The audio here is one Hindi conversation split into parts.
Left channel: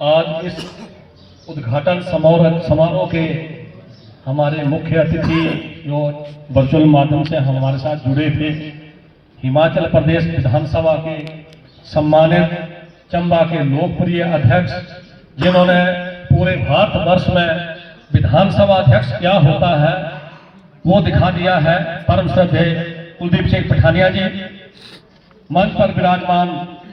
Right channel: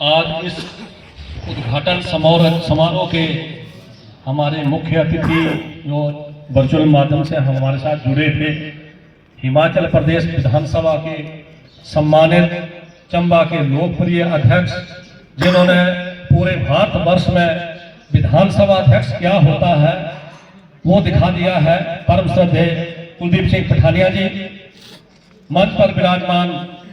आज इस उद्घाटन समारोह के हमारे मुख्य अतिथि जो वर्चुअल माध्यम से हमारे साथ जुड़े थे, हिमाचल प्रदेश विधानसभा के सम्मानित चंबा के लोकप्रिय अध्यक्ष, जिन्होंने पूरे भारतवर्ष में विधानसभा अध्यक्ष क्या होता है वो दिखा दिया है, परम श्रद्धेय कुलदीप सिंह पठानिया जी। मंच पर विराजमान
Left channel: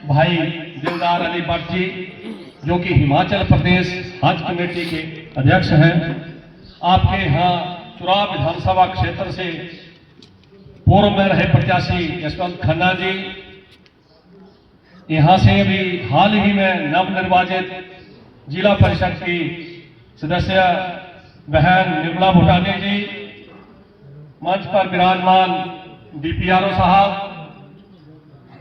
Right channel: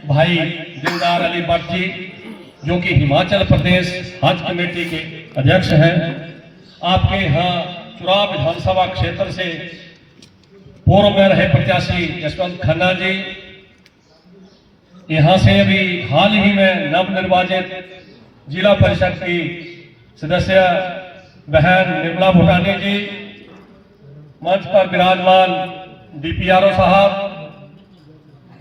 भाई दिलदार अली भट्ट जी, जो कि हिमाचल प्रदेश हज कमेटी के अध्यक्ष हैं। आपके यहाँ चुरा विधानसभा क्षेत्र से पूर्व में रहे प्रत्याशी यशवंत खन्ना जी, यहाँ से अभी हाल ही में नवनिर्वाचित जिला परिषद की सदस्य बहन निर्मला भूटानी जी, मंच पर विराजमान डीपीआरओ साहब,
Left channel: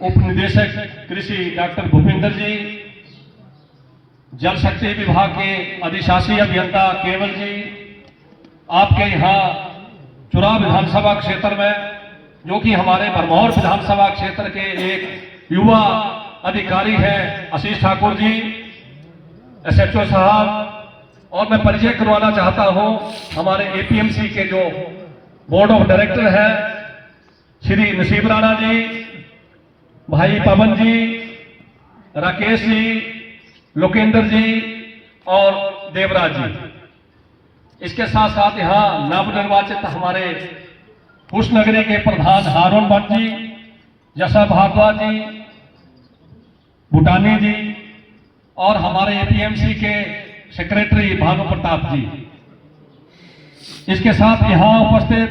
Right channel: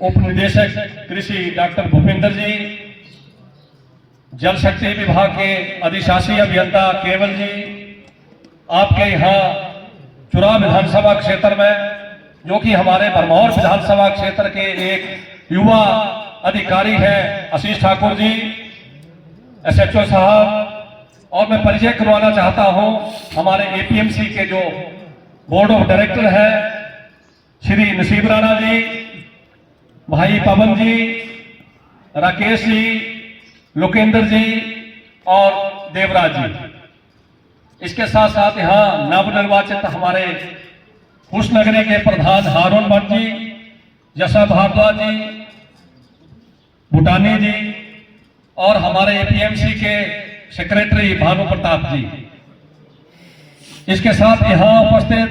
उप निदेशक कृषि डॉक्टर भूपिंदर जी, जल शक्ति विभाग के अधिशासी अभियंता केवल जी, आपके यहाँ चुरा विधानसभा क्षेत्र में जो कि हमारे भरमौर विधानसभा क्षेत्र के एक युवा अधिकारी हैं आशीष ठाकुर जी, एसएचओ साहब, और मैं परिचय करवाना चाहता हूं हमारे एपीएमसी के जो बोर्ड ऑफ डायरेक्टर हैं श्री नसीब राणा जी, भाई पवन जी, राकेश जी, लोकेंद्र जी और देवराज जी। इसके साथ साथ यहाँ नवनिर्वाचित हमारे कुशनगरी के प्रधान हारून भट्ट जी, जसा भारद्वाज जी, भूटानी जी और हमारे एपीएमसी के सेक्रेटरी भानु प्रताप जी। इसके साथ यहाँ उपस्थित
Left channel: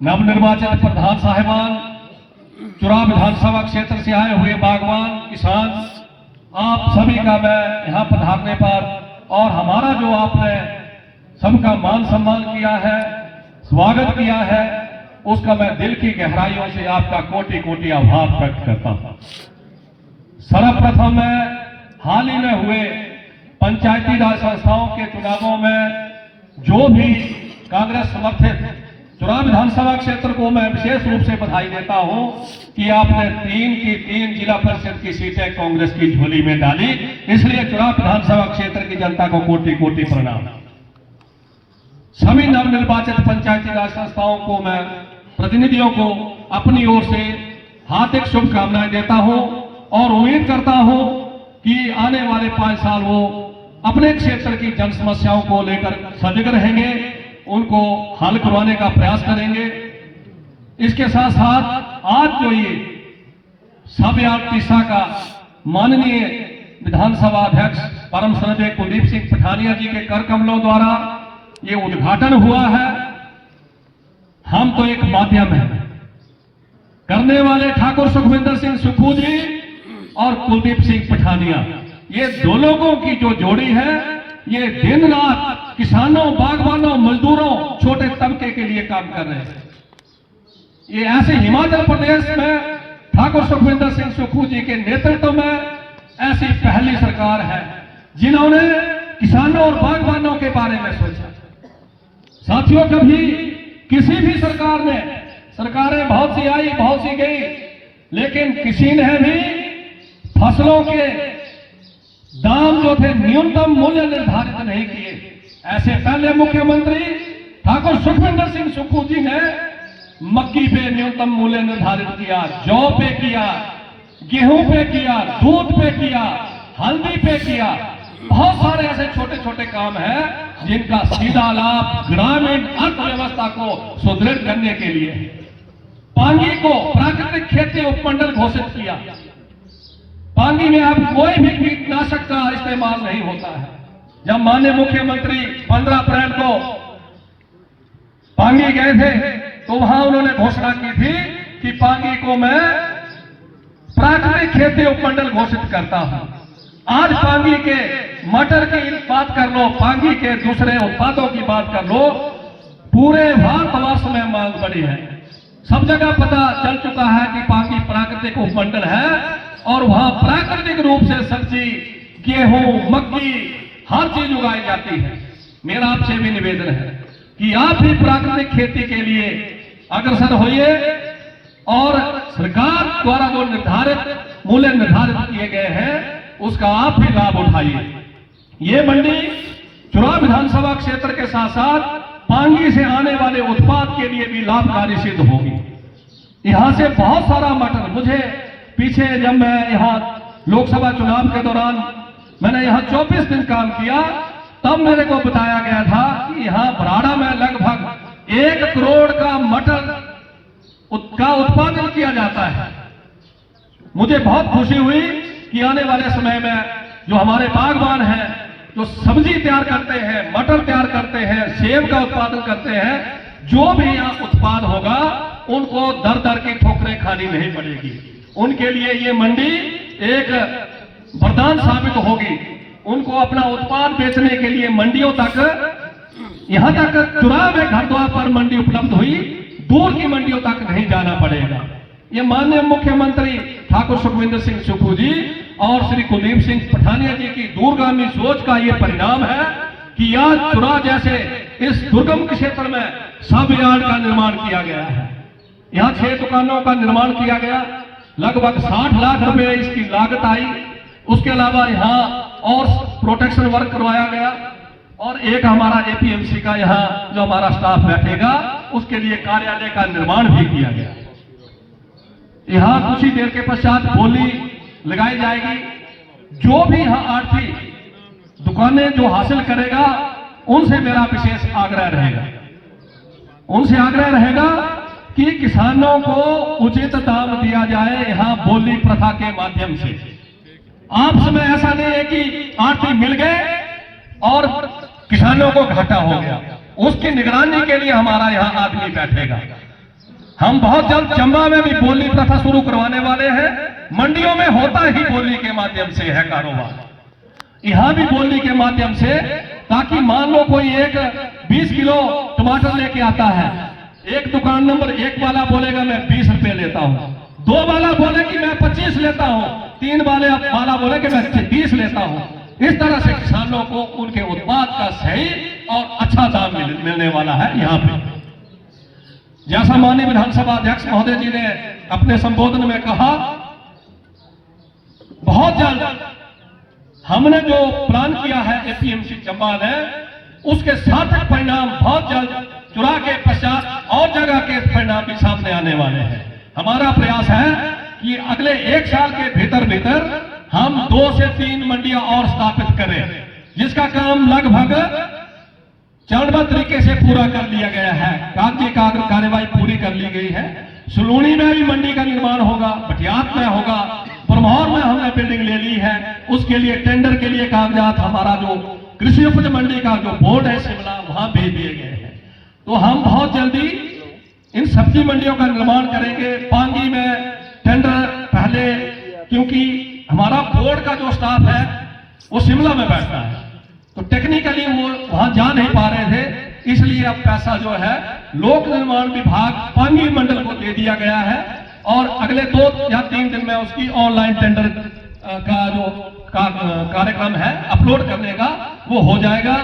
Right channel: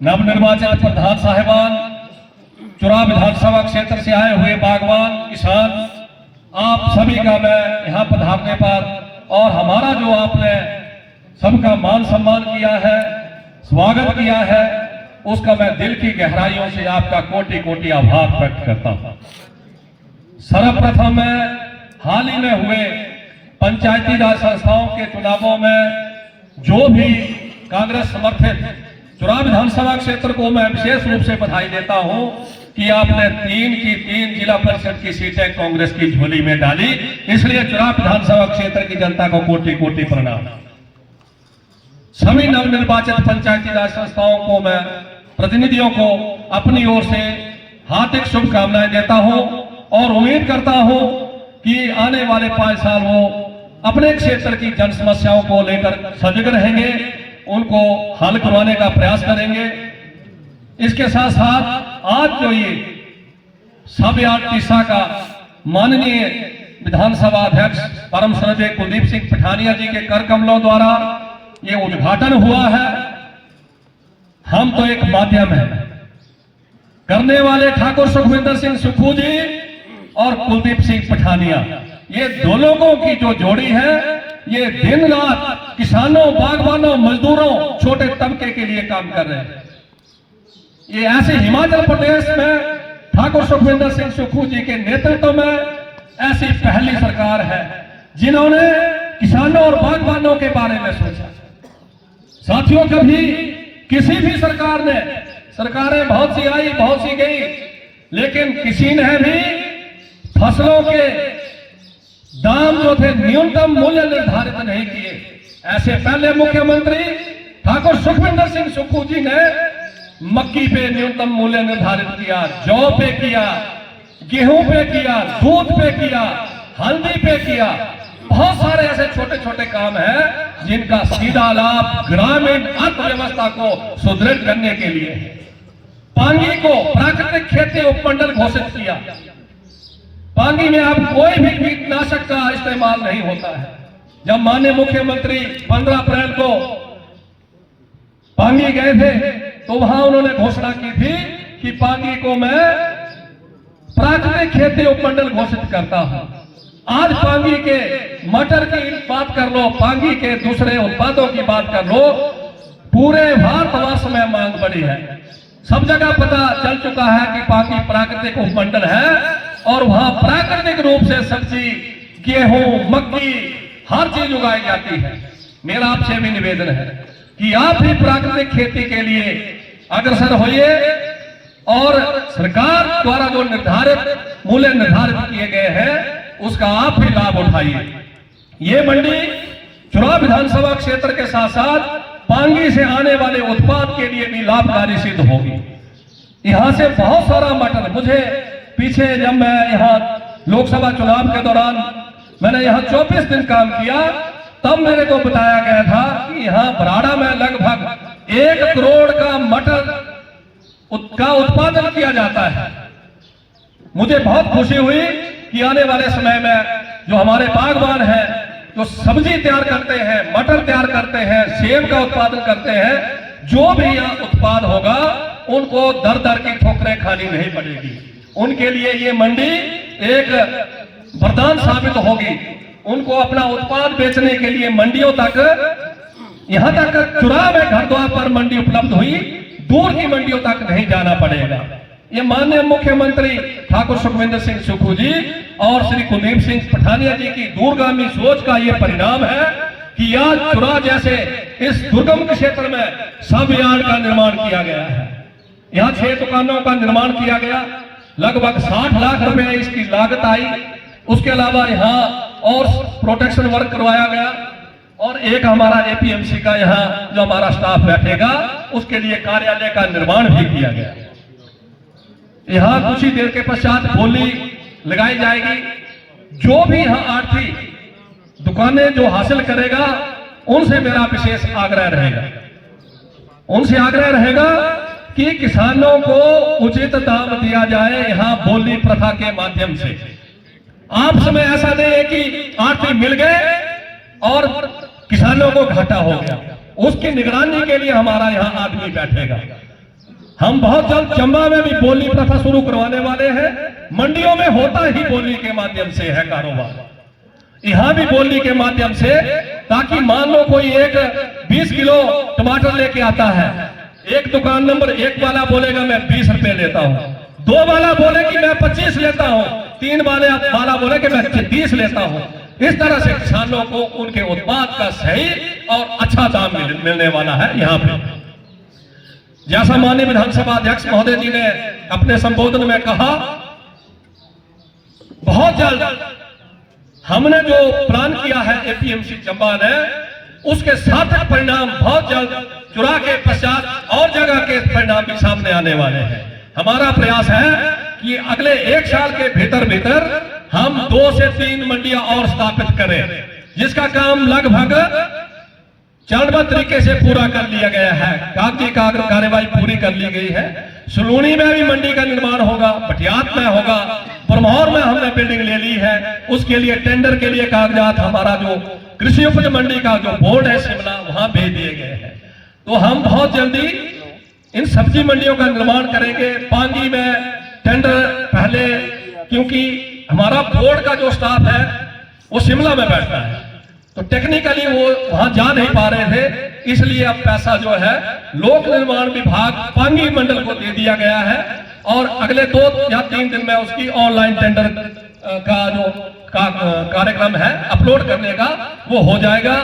नवनिर्वाचित प्रधान साहिबान, चुरा विधानसभा क्षेत्र से आए हुए बागवान किसान, आप सभी का मैं यहाँ पधारने पर और हमारा जो आपने सबका मान सम्मान किया है, स्वागत किया है, उसका मैं दिल की गहराइयों से आपका कोटि कोटि आभार व्यक्त करता हूँ। सर्वप्रथम मैं हाल ही में हुए पंचायती राज संस्थाओं के चुनावों में जो भी कांग्रेस समर्थित चुरा विधानसभा क्षेत्र को मैं विशेष रूप से बधाई देता हूं कि आपने 3 की 3 जिला परिषद की सीटें कांग्रेस की झोली में डाली। इसलिए चुरा विधानसभा क्षेत्र की जनता को कोटि कोटि प्रणाम। सभी नवनिर्वाचित पंचायती राज संस्थाओं को मैं प्रतिनिधियों को अपनी ओर से हार्दिक शुभकामनाएं देता हूं और उम्मीद करता हूं कि आने वाले 5 साल वो अपने क्षेत्र की जन समस्याओं को लेकर सजग रहेंगे, उनको हल करवाने का प्रयास करेंगे। इसके साथ साथ आज जो ये सब तीसा का माननीय विधानसभा अध्यक्ष परम श्रद्धेय कुलदीप सिंह पठानिया जी के कर कमलों द्वारा ये उद्घाटन हुआ है, हम तो एक माध्यम है। करने वाले ठाकुर सुखविंदर सिंह सुक्खू जी और कुलदीप सिंह पठानिया, ये दो लोगों की जो जोड़ी है, ये दिन रात किसानों, बागवानों, मजदूरों, छोटे तबके के लिए काम कर रहे हैं। ये ऐसे हिमाचल प्रदेश में ठाकुर सुखविंदर सिंह सुक्खू जी के नेतृत्व में ऐसी पहली सरकार है जिन्होंने किसानों और बागवानों के बारे में सोचा। साथियों, कभी किसी भी सरकार ने, सरकारें बहुत सी आई, बहुत सी गई, लेकिन किसी ने भी फसलों के दाम जो थे न्यूनतम मूल्य निर्धारित नहीं किए। ऐसे पहले मुख्यमंत्री ठाकुर सुखविंदर सिंह सुक्खू जी ने मक्की पे न्यूनतम मूल्य निर्धारित किया, जौ पे किया, गेहूं पे किया, दूध पे किया, हल्दी पे किया। बहुत सारे ऐसे छोटे छोटे काम हैं जिनका सीधा लाभ ग्रामीण अर्थव्यवस्था को सुदृढ़ करने के लिए। पांगी को प्राकृतिक खेती उपमंडल घोषित किया। पांगी में अब कोई भी कीटनाशक का इस्तेमाल नहीं होता है। जब माननीय मुख्यमंत्री 15 अप्रैल को पांगी गए थे तो वहां उन्होंने घोषणा की थी कि पांगी को मैं प्राकृतिक खेती उपमंडल घोषित करता हूं। आज पांगी के मटर की बात कर लो, पांगी के दूसरे उत्पादों की बात कर लो, पूरे भारतवर्ष में मांग बढ़ी है। सब जगह पता चल चुका है कि पांगी प्राकृतिक उपमंडल है और वहां प्राकृतिक रूप से सब्जी, गेहूं, मक्की हर चीज उगाई जाती है। मेरा आपसे भी निवेदन है कि आप भी प्राकृतिक खेती के लिए अग्रसर होइए और सरकार द्वारा जो निर्धारित मूल्य निर्धारित किए गए हैं उसका आप भी लाभ लाभ उठाइए। ये मंडी चुनाव विधानसभा क्षेत्र के साथ साथ पांगी से आने वाले उत्पाद के लिए भी लाभकारी सिद्ध होगी। यहां से बहुत सारा मटर, मुझे पीछे जब मैं यहाँ लोकसभा चुनाव के दौरान मैंने यहाँ 24 दिन काम किया, तब मेरे को बताया गया था कि यहाँ बराड़ा में लगभग 1 करोड़ का मटर का उत्पादन किया जाता है। मुझे बहुत खुशी हुई कि आने वाले समय में जो हमारे बागवान हैं, जो सब्जी तैयार करते हैं, मटर तैयार करते हैं, सेब का उत्पादन करते हैं, जो भी यहाँ उत्पाद होगा उनको दर दर की ठोकरें खानी नहीं पड़ेगी। उनके लिए ये मंडी एक वरदान साबित होगी। उनको अपना उत्पाद बेचने के लिए मंडियों तक, यहां तक चुनाव में घर द्वार पर मंडी उपलब्ध हुई, दूर की मंडियों तक नहीं जाना पड़ेगा। ये माननीय मुख्यमंत्री ठाकुर सुखविंदर सिंह सुक्खू जी और श्री कुलदीप सिंह पठानिया जी की दूरगामी सोच का ये परिणाम है कि आज चुरा जैसे इस दुर्गम क्षेत्र में सब यार्ड का निर्माण किया गया है। यहाँ 6 दुकानों का निर्माण किया गया, लगभग 60 लाख रुपए इसकी लागत आई। उसके अलावा यहाँ और प्रोटेक्शन वर्क करवाया गया और एक हमारा एपीएमसी का यहाँ जो हमारा स्टाफ बैठेगा उसके लिए कार्यालय का निर्माण भी किया गया। यहाँ कुछ ही देर के पश्चात बोली लगाई जाएगी। जो भी यहाँ आर्थिक दुकानें जो हासिल करेगा उनसे मेरा विशेष आग्रह रहेगा कि किसानों को उचित दाम दिया जाए। यहाँ बोली प्रथा के माध्यम से आपस में ऐसा नहीं है कि आर्थिक मिल गए और किसानों को घाटा हो गया। उसकी निगरानी के लिए हमारा यहाँ आदमी बैठेगा। हम बहुत जल्द चंबा में भी बोली प्रथा शुरू करवाने वाले हैं। मंडियों में होता ही बोली के माध्यम से है कारोबार, यहाँ भी बोली के माध्यम से, ताकि मान लो कोई एक 20 किलो टमाटर लेके आता है, एक दुकान नंबर 1 वाला बोलेगा मैं 20 रुपए लेता हूँ, 2 वाला बोले कि मैं 25 लेता हूँ, 3 वाला बोले कि मैं 30 लेता हूँ। इस तरह से किसानों को उनके उत्पाद का सही और अच्छा दाम मिलने वाला है। यहाँ पे जैसा माननीय विधानसभा अध्यक्ष महोदय जी ने अपने संबोधन में कहा, बहुत जल्द हमने जो प्लान किया है एपीएमसी चंबा ने, उसके सार्थक परिणाम बहुत जल्द चुरा के पश्चात और जगह के परिणाम भी सामने आने वाले हैं। हमारा प्रयास है कि अगले 1 साल के भीतर हम 2 से 3 मंडियां और स्थापित करें, जिसका काम लगभग चरणबद्ध तरीके से पूरा कर लिया गया है। कागजी कार्यवाही पूरी कर ली गई है। सुलूनी में भी मंडी का निर्माण होगा, बटियात में होगा, ब्रह्मौर में हमने बिल्डिंग ले ली है। उसके लिए टेंडर के लिए कागजात हमारा जो कृषि उपज मंडी का जो बोर्ड है शिमला, वहां भेज दिए गए हैं। तो हम बहुत जल्दी इन सब्जी मंडियों का निर्माण करेंगे। पांगी में टेंडर पहले, क्योंकि हमारा बोर्ड का जो स्टाफ है वो शिमला में बैठता है, तो टेक्निकली वो वहां जा नहीं पा रहे थे, इसलिए अब पैसा जो है लोक निर्माण विभाग पांगी मंडल को दे दिया गया है और अगले 2 या 3 दिन में उसकी ऑनलाइन टेंडर का जो कार्यक्रम है अपलोड करने का, वो हो जाएगा।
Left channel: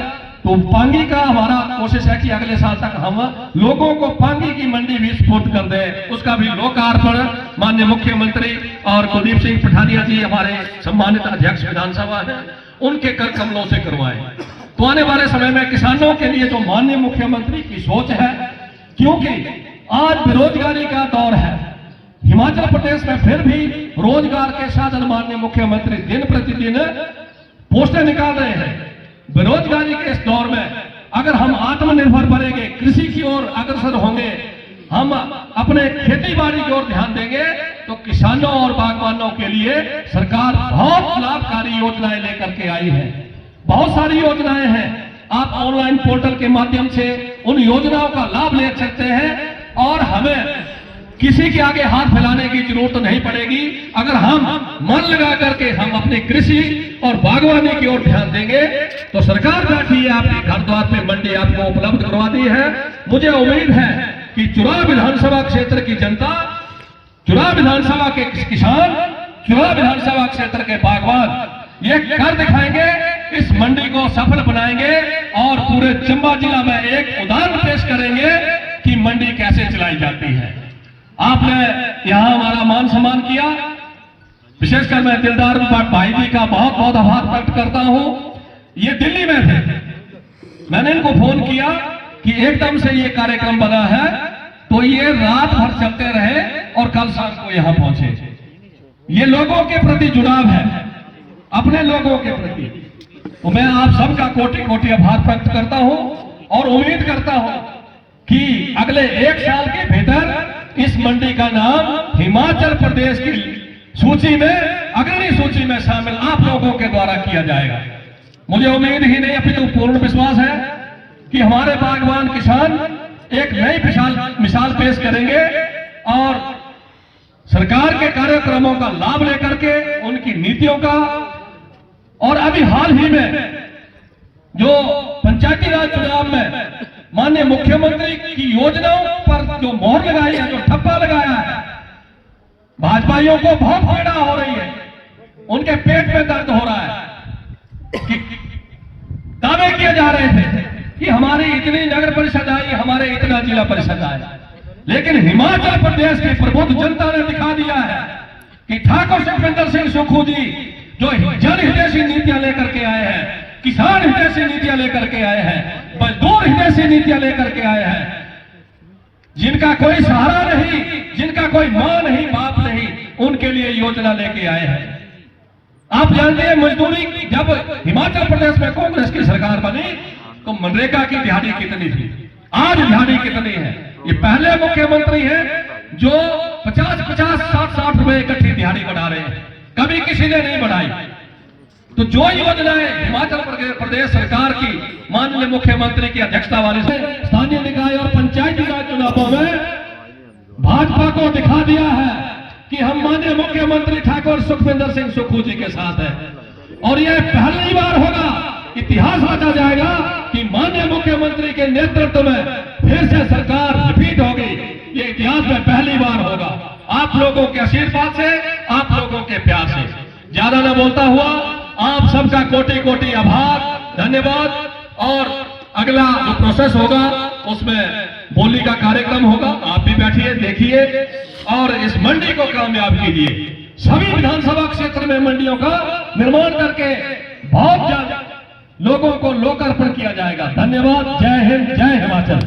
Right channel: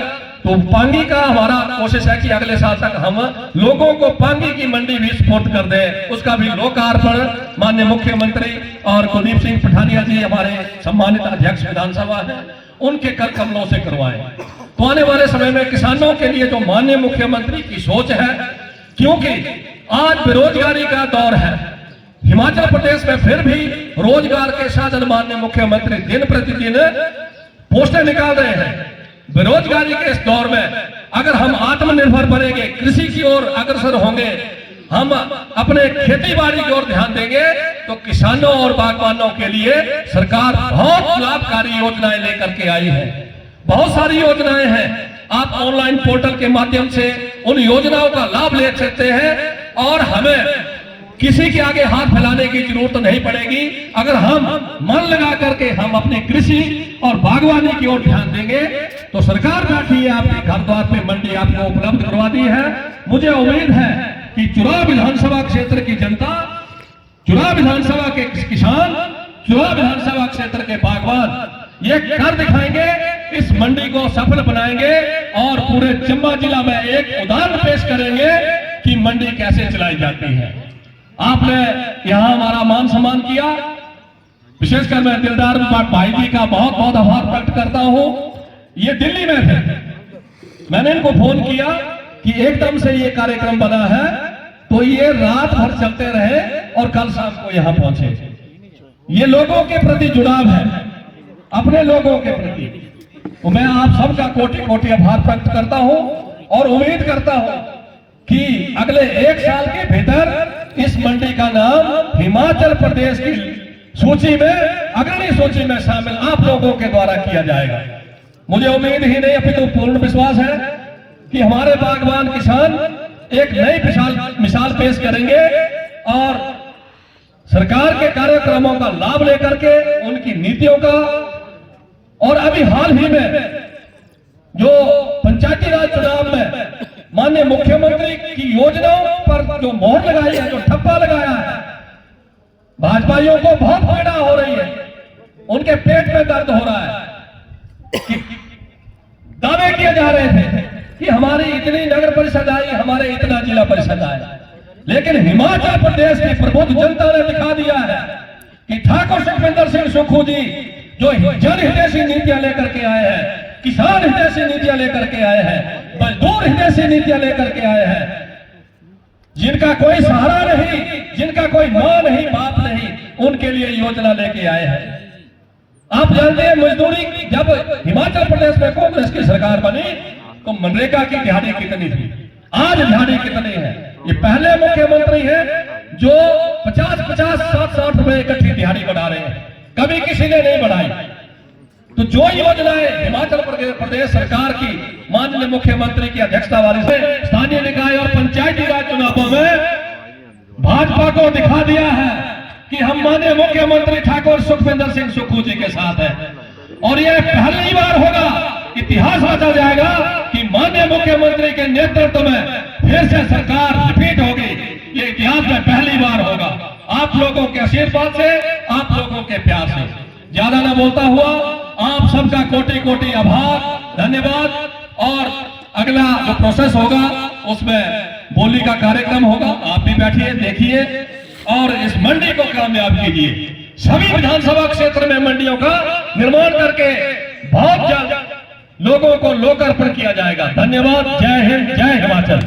तो पांगी का हमारा कोशिश है कि अगले साल तक हम लोगों को पांगी की मंडी भी सपोर्ट कर दें। उसका भी लोकार्पण माननीय मुख्यमंत्री और कुलदीप सिंह पठानिया जी हमारे सम्मानित अध्यक्ष विधानसभा है, उनके कर कमलों से करवाएं। तो आने वाले समय में किसानों के लिए जो माननीय मुख्यमंत्री की सोच है, क्योंकि आज बेरोजगारी का दौर है, हिमाचल प्रदेश में फिर भी रोजगार के साधन माननीय मुख्यमंत्री दिन प्रतिदिन पोस्टर निकाल रहे हैं। बेरोजगारी के इस दौर में अगर हम आत्मनिर्भर बनेंगे, कृषि की ओर अग्रसर होंगे, हम अपने खेती बाड़ी की ओर ध्यान देंगे, तो किसानों और बागवानों के लिए सरकार बहुत लाभकारी योजनाएं लेकर के आई है। बहुत सारी योजनाएं हैं, आप ऑनलाइन पोर्टल के माध्यम से उन योजनाओं का लाभ ले सकते हैं और हमें किसी के आगे हाथ फैलाने की जरूरत नहीं पड़ेगी। अगर हम मन लगा करके हम अपनी कृषि और बागवानी की ओर ध्यान देंगे तो सरकार बैठी है, आपके घर द्वार पे मंडी आपको उपलब्ध करवा दी है। मुझे उम्मीद है कि चुनाव विधानसभा क्षेत्र की जनता, चुनाव विधानसभा के किसान, चुनाव विधानसभा क्षेत्र के बागवान ये कर दिखाएंगे, इस मंडी को सफल बनाएंगे और पूरे चंबा जिला में एक उदाहरण पेश करेंगे कि मंडी कैसे चलाई जाती है। आपने यहाँ हमारा मान सम्मान किया, विशेषकर मैं दिलदार भाई जी का बहुत बहुत आभार व्यक्त करता हूं। ये दिल्ली में थे, मैंने इनको फोन किया कि एकदम से ये कार्यक्रम बना है, तो ये रात भर चलते रहे और कल शाम को यहां पहुंचे। ये लोगों के प्रति जुड़ाव है, अपने लोगों के प्रति। तो मैं आप सबका कोटि कोटि आभार व्यक्त करता हूं और उम्मीद करता हूं कि अगले 1 साल के भीतर इस मंडी का नाम हिमाचल प्रदेश की सूची में, अग्रणी सूची में शामिल आप लोगों के द्वारा किया जाएगा। मुझे उम्मीद ही नहीं अपितु पूर्ण विश्वास है कि हमारे बागवान किसान एक नई मिसाल पेश करेंगे और सरकार के कार्यक्रमों का लाभ लेकर के, उनकी नीतियों का, और अभी हाल ही में जो पंचायती राज चुनाव में माननीय मुख्यमंत्री की योजनाओं पर जो मोहर लगाई है, जो ठप्पा लगाया है, भाजपाइयों को बहुत पीड़ा हो रही है, उनके पेट में दर्द हो रहा है कि दावे किए जा रहे थे कि हमारी इतनी नगर परिषद आई, हमारे इतना जिला परिषद आया, लेकिन हिमाचल प्रदेश की प्रबुद्ध जनता ने दिखा दिया है कि ठाकुर सुखविंदर सिंह सुक्खू जी जो जन हितैषी नीतियां लेकर के आए हैं, किसान हितैषी नीतियां लेकर के आए हैं, मजदूर हितैषी नीतियां लेकर के आए हैं, जिनका कोई सहारा नहीं, जिनका कोई मां नहीं, बाप नहीं, उनके लिए योजना लेके आए हैं। आप जानते हैं मजदूरी, जब हिमाचल प्रदेश में कांग्रेस की सरकार बनी तो मनरेगा की दिहाड़ी कितनी थी, आज दिहाड़ी कितनी है? ये पहले मुख्यमंत्री हैं जो 50-50, 60-60 रुपए इकट्ठी दिहाड़ी बढ़ा रहे हैं, कभी किसी ने नहीं बढ़ाई। तो जो योजनाएं हिमाचल प्रदेश सरकार की माननीय मुख्यमंत्री की अध्यक्षता वाली से स्थानीय निकाय और पंचायती राज चुनावों में भाजपा को दिखा दिया है कि हम माननीय मुख्यमंत्री ठाकुर सुखविंदर सिंह सुक्खू जी के साथ हैं, और यह पहली बार होगा, इतिहास रचा जाएगा कि माननीय मुख्यमंत्री के नेतृत्व में फिर से सरकार रिपीट होगी। ये इतिहास में पहली बार होगा, आप लोगों के आशीर्वाद से, आप लोगों के प्यार से। ज्यादा न बोलता हुआ आप सबका कोटि कोटि आभार, धन्यवाद। और अगला जो प्रोसेस होगा उसमें बोली का कार्यक्रम होगा, आप भी बैठिए, देखिए और इस मंडी को कामयाब कीजिए। सभी विधानसभा क्षेत्र में मंडियों का निर्माण करके बहुत जल्द लोगों को लोकार्पण किया जाएगा। धन्यवाद। जय हिंद, जय हिमाचल।